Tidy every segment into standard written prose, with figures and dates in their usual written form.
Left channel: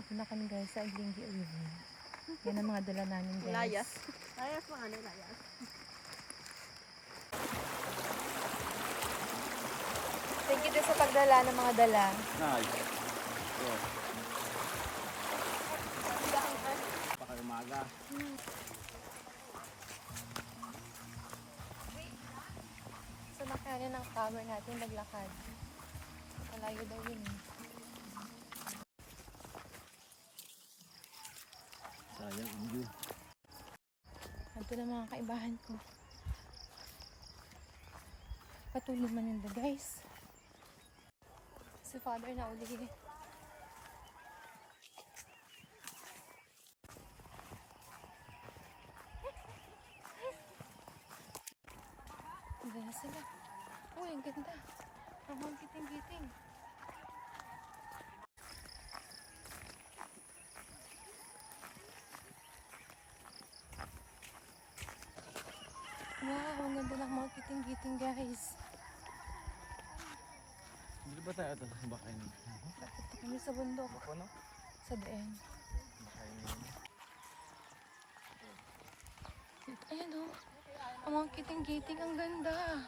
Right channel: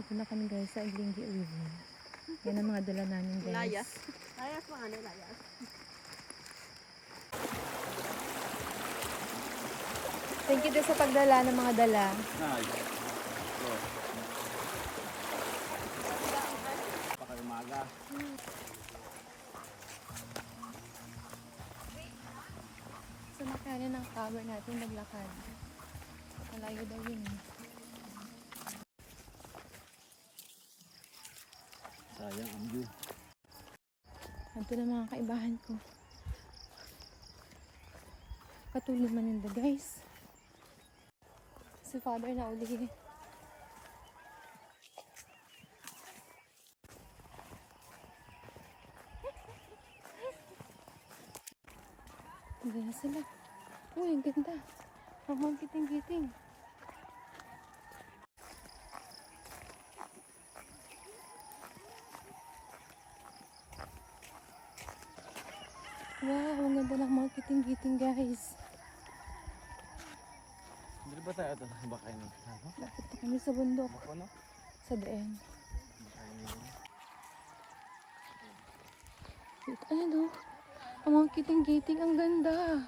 Dito na kami guys sa Aglinggi River. Yan ang mga dala namin guys. Layas. Layas mga ano, layas. Thank you din sa pagdala ng mga dala. Nice. So. Pakaumaga. Sa makana ng tower natin naglakad. Malayo daw yun eh. Sayang ang view. Ito na mga kaibahan ko. Patuloy maninda guys. Si father na uli. Ang ganda sila. Uy, ang ganda. Habang kiting-kiting. Wow, ang ganda ng mga kiting-kiting guys. Hindi ba tayo ito? Bakay na. Lapit na kami sa bundok. Sa daeng. Ayan o. Ang mga kiting-kiting, ang ganda.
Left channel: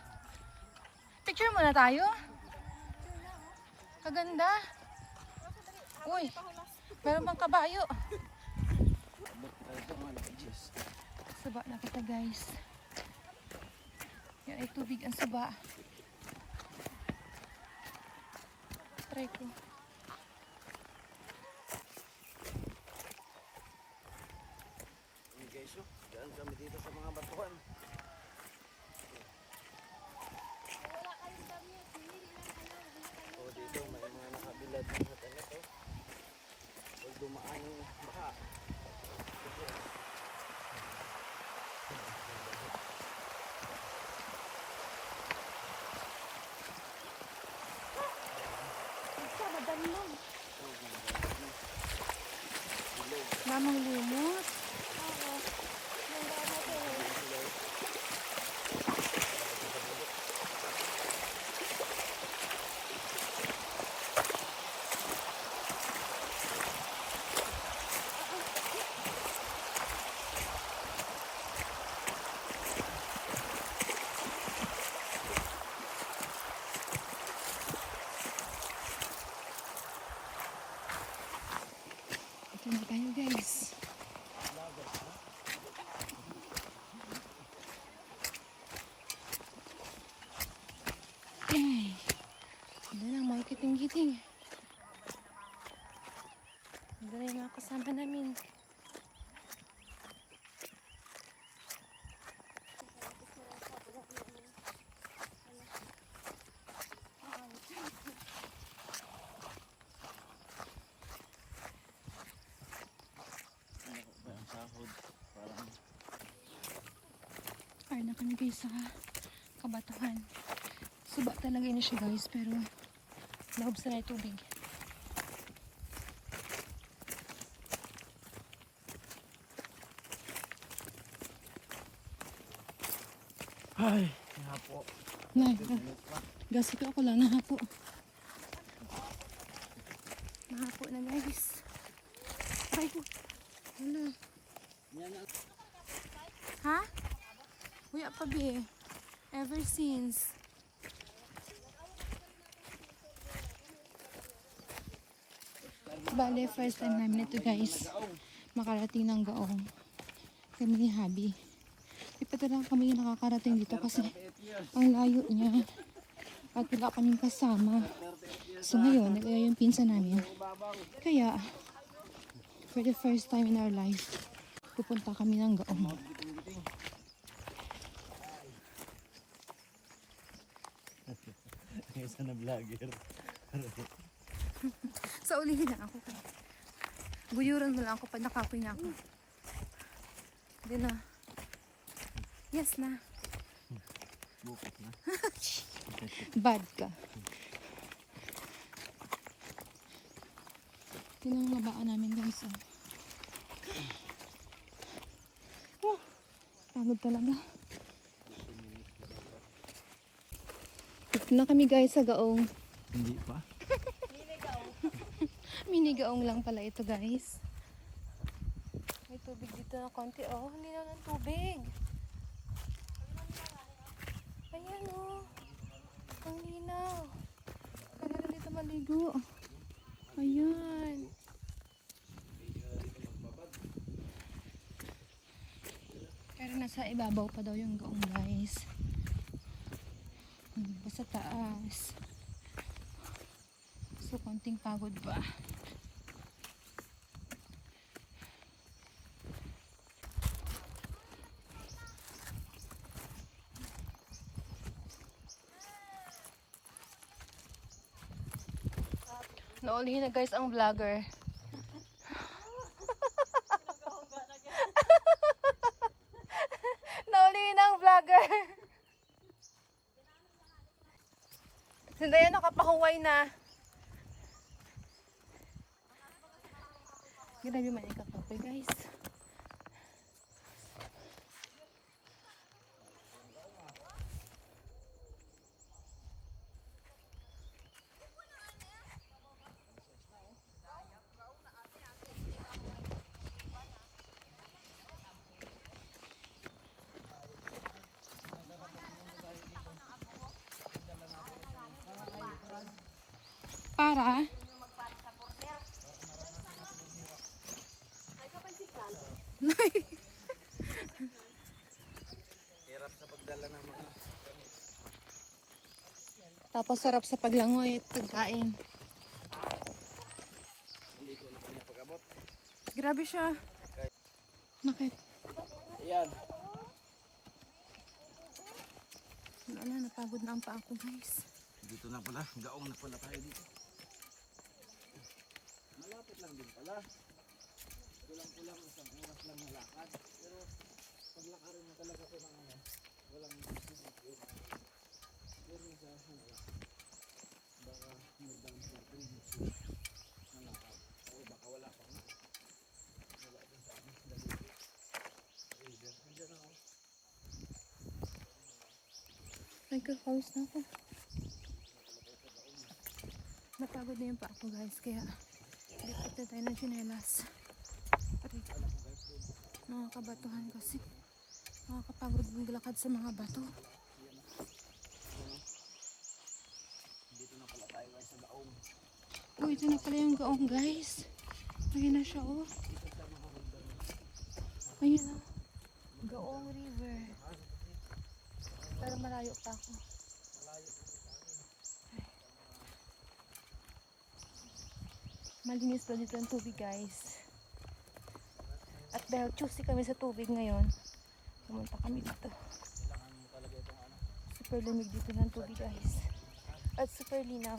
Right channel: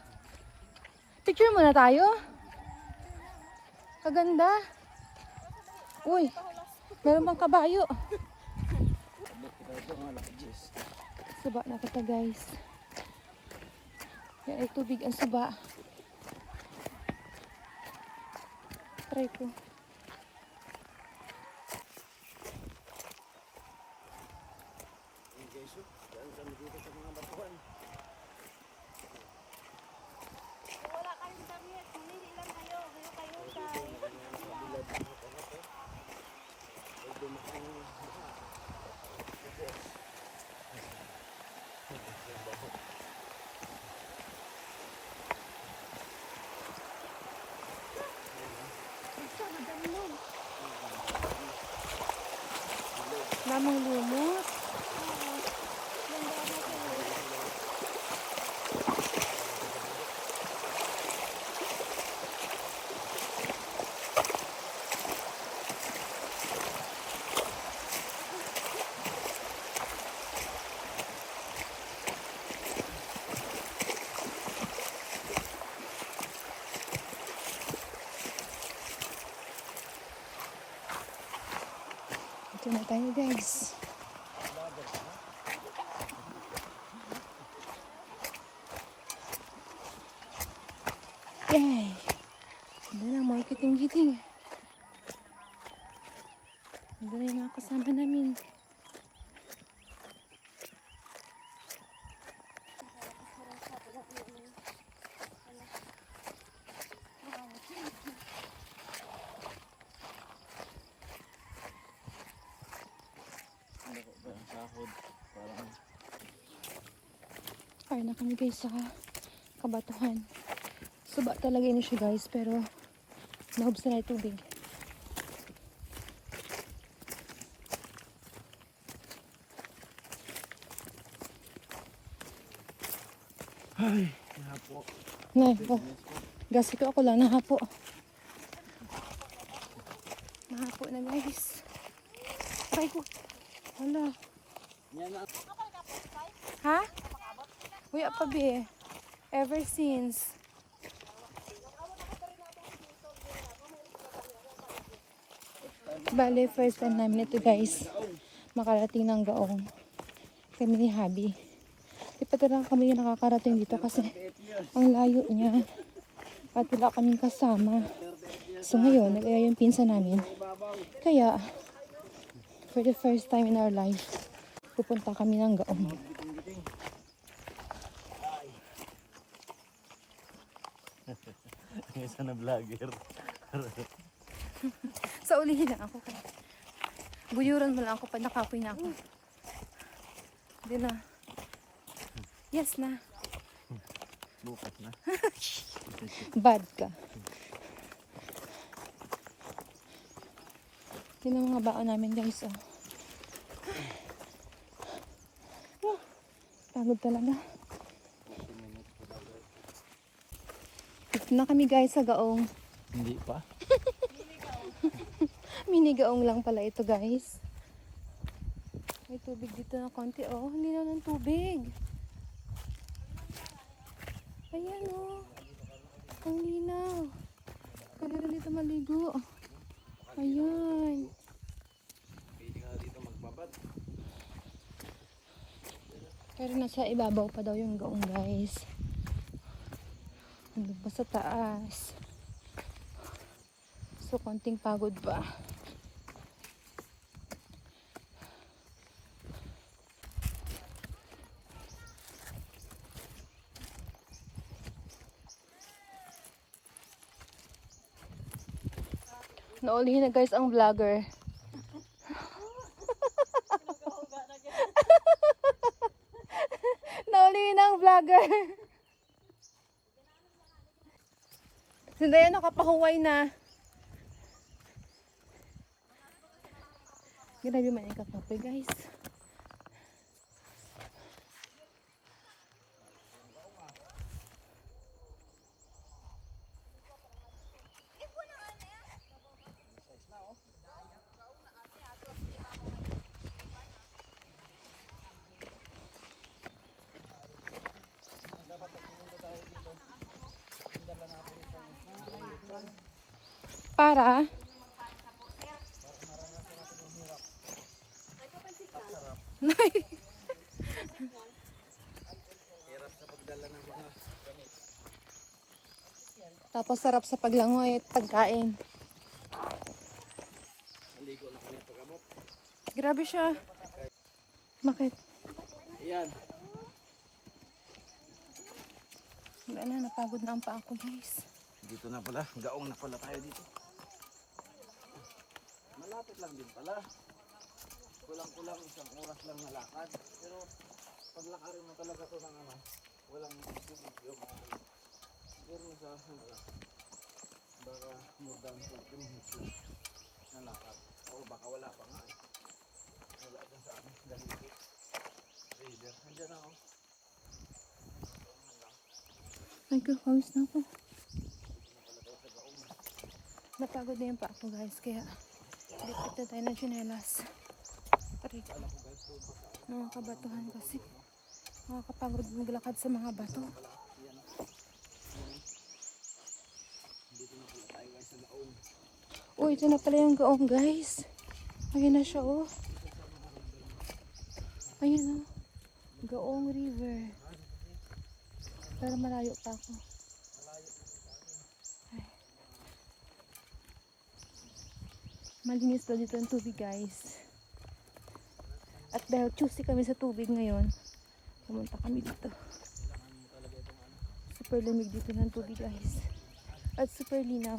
Picture muna tayo. Kaganda. Uy, meron bang kabayo? Saba na kita guys. Yan ay tubig ang saba. Try ko. Okay, so, daan kami dito sa mga batuhan. Wala kayong damit. Hindi lang kayo. Hindi kayo Dito na mga kabilad ng hotel ito. Ay dumaan yung baha. Isa, madalog. Lamang lumot. Ito na tayo guys. Yay! Hindi na mga kiting-kiting. Hindi na yung mga kasama namin. Kaya na kami guys sa kabatuhan. Saba talaga yun siya guys, pero mahubs na ito din. Ay, nahapo. Nay, oh, gasi ko ako lang nahapo. Nahapo na guys. Try ko. Hala. Yan na. Ha? Uy, apa be? Ever since. Bale, first time namin ito guys. Makarating ng Gaong. Kami ni Habi. Di pa talaga kami nakakarating dito kasi ang layo niya. At wala kaming kasama. So ngayon, nag-aya yung pinsa namin. Kaya, for the first time in our life, pupunta kami ng Gaong. Isa na vlogger. Sa ulihin lang ako kaya. Buyuran mo lang ako pag nakapoy na ako. Hindi na. Yes na. Bukas na. Bad ka. Yun ang mga baon namin guys. Oh. Pagod talaga. Dito na kami guys sa Gaong. Hindi pa. Minigaong lang pala ito, guys. May tubig dito na konti. Oh, ang linaw ng tubig. Ayan, oh. Ang linaw. Pwede rin dito maligo. Ayan. Pwede ka dito magbabad. Pero nasa ibabaw pa daw yung gaong, guys. Hindi pa sa taas. So, konting pagod ba? Naulihin na guys ang vlogger. Naulihin na ang vlogger. Sindayan nakapahuway na. Grabe man yung kakape guys. Para Hirap sa pagdala ng mga gamit. tapos sarap sa paglangoy at pagkain. Maligo na kanya pag-abot. Grabe siya. Bakit? Ayan. Wala na, napagod na ang paa ko guys. Dito na pala. Gaong na pala tayo dito. Malapit lang din pala. Kulang-kulang isang oras lang na lakad. Pero paglakarin mo talaga ito ng ano, walang tubig yung pero sa baka more than 15 minutes na lakad. O baka wala pa nga eh. Wala dyan sa amin. Dahil river. Nandiyan na ako. Ay, kakawis na ako. Napagod na yung paa ko guys, kaya dipit na tayo ng tsinelas. Aray ko. Nakakabatuhan kasi. Nakakapagod maglakad sa mga bato. Dito na pala tayo guys sa Gaong. Uy, ito na pala yung gaong guys. Ayun na siya oh. Ayun na. Gaong River. Pero malayo pa ako. Ay. Malinis pa dito ang tubig guys. At dahil choosy kami sa tubig ngayon, pumunta kami dito. Super lamig dito ng tubig guys. At super linaw.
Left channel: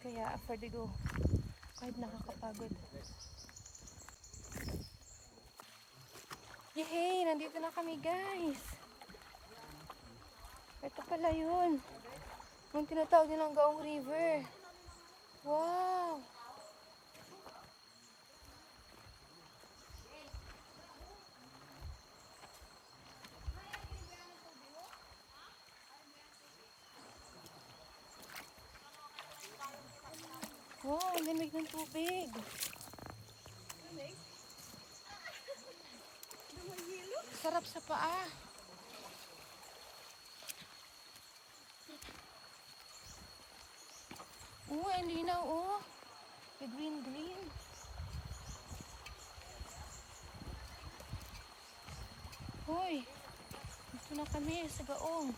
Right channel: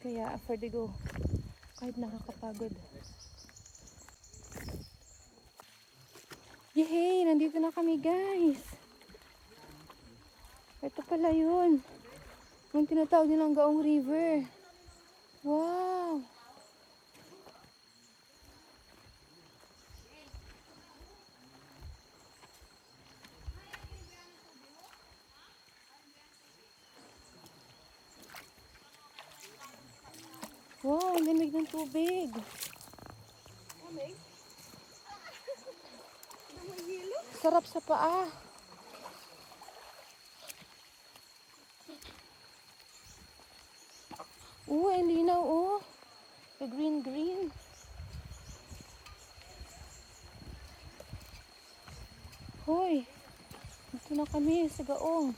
Kaya for the go. Kahit nakakapagod. Yehey! Nandito na kami guys. Ito pala yun. Yung tinatawag nilang Gaong River. Wow! Wow, ang lamig ng tubig. Sarap sa paa. Ang linaw oh. May green. Hoy, dito na kami sa Gaong.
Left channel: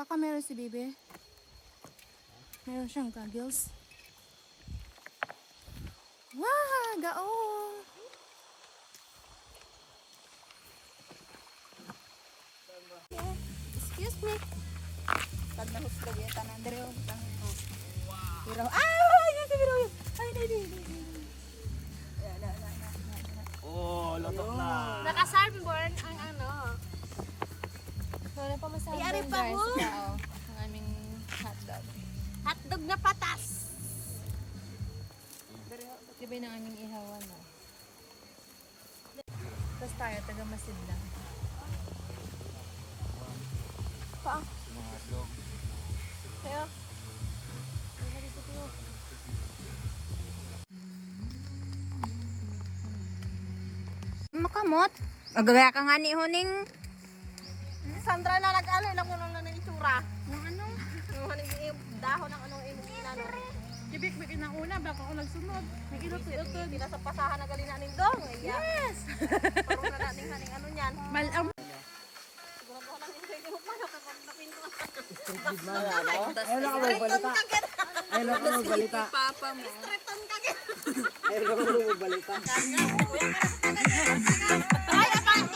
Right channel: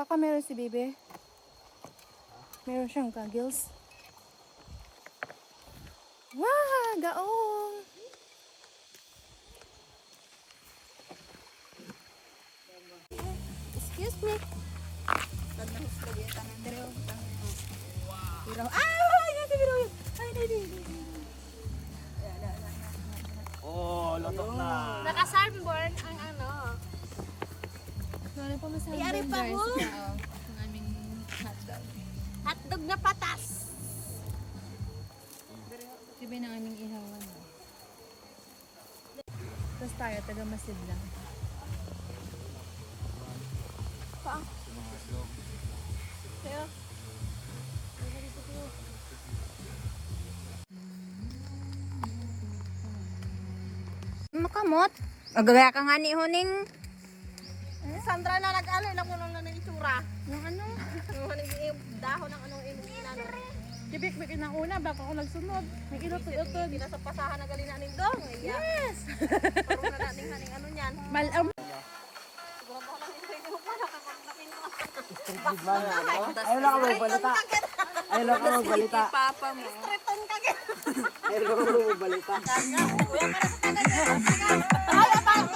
Baka meron si Bebe. Meron siyang goggles. Wow! Gaong! Excuse me. Pag nahusog yung tanan dere. Wow! Ay! Nasa biro yun! Ay, hindi. Oh, lotok na. Naka-sunburn ang ano. Wala pa masabi Iyari pa guys. mo. Oo, ang aming hotdog. Hotdog na patas. Diba yung aming ihawan. Tapos tayo, taga Masid lang. Paa. Sa mga dog. Kaya. Makamot. Magagaya ka nga ni Huning. Sandra na nag-ano, nakulang na ng itsura. Yung ano? Yung dahon ng anong inano. Kibik-bik na una, baka ako nagsunod. May ilot-ilot. Hindi na sa pasahan na gali nanin dong. Yes! Parang na natin haning ano niyan. Malam. Siguro ko lang hindi ko pa kapag napinto. Ayun lang ako magbalita. Ayun lang ako magbalita. Papa mo. Triton ka git. Ayun lang ako magbalita. Ay, abang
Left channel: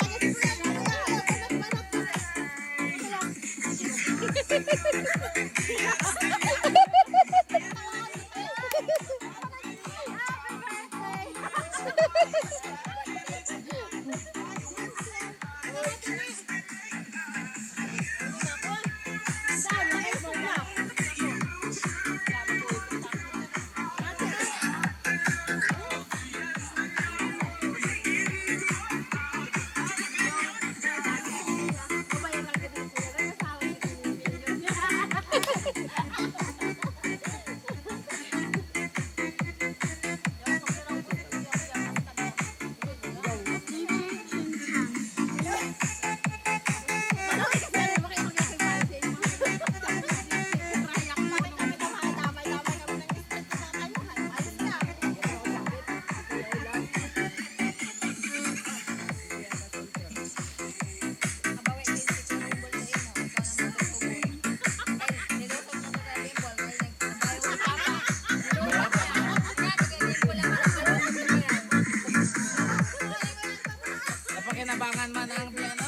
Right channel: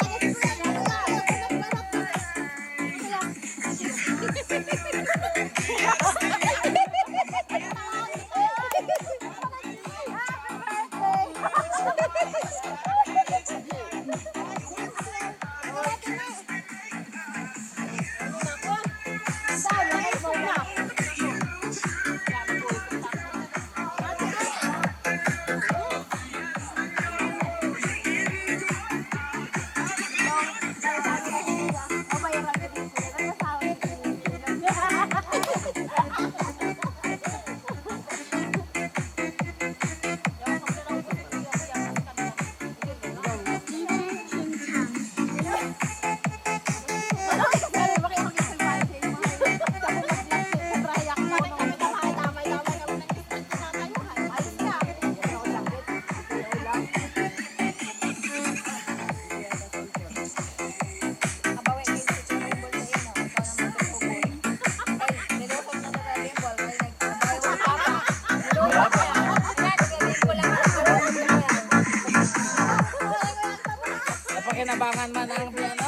Napakinabangan man ang